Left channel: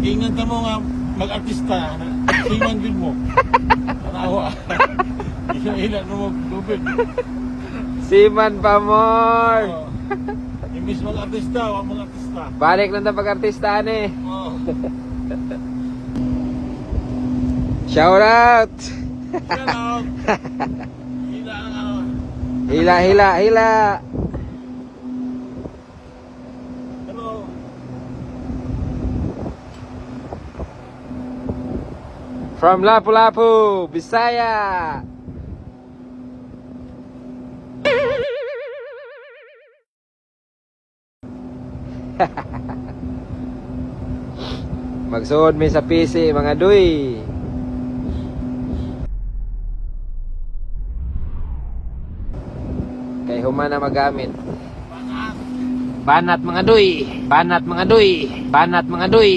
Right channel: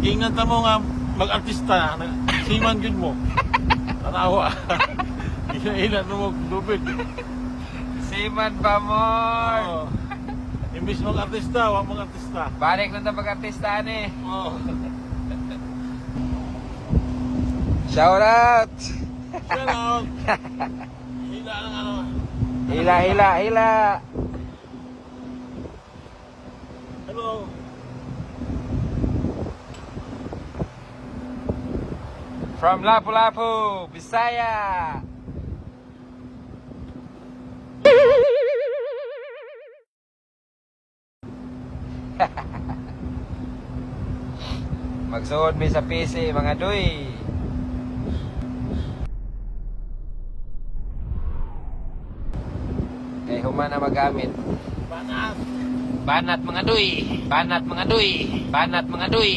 Ingat mo nga mag-artista. Siman yun mo. Natawa. Ilan mo mag-lubid. Siman pa mo. Oo. Imbis mag-artista, wag mag-artista. Balik na na pag-artista eh. Oo. Shout out. Hello. Hila, hila, hila. Hello. From Lapu-Lapu, Bisaya. Magsuod mi sa PC mga duy. Kaya human na magamit. Banat mga duy. Banat mga duy. Banat mga duy.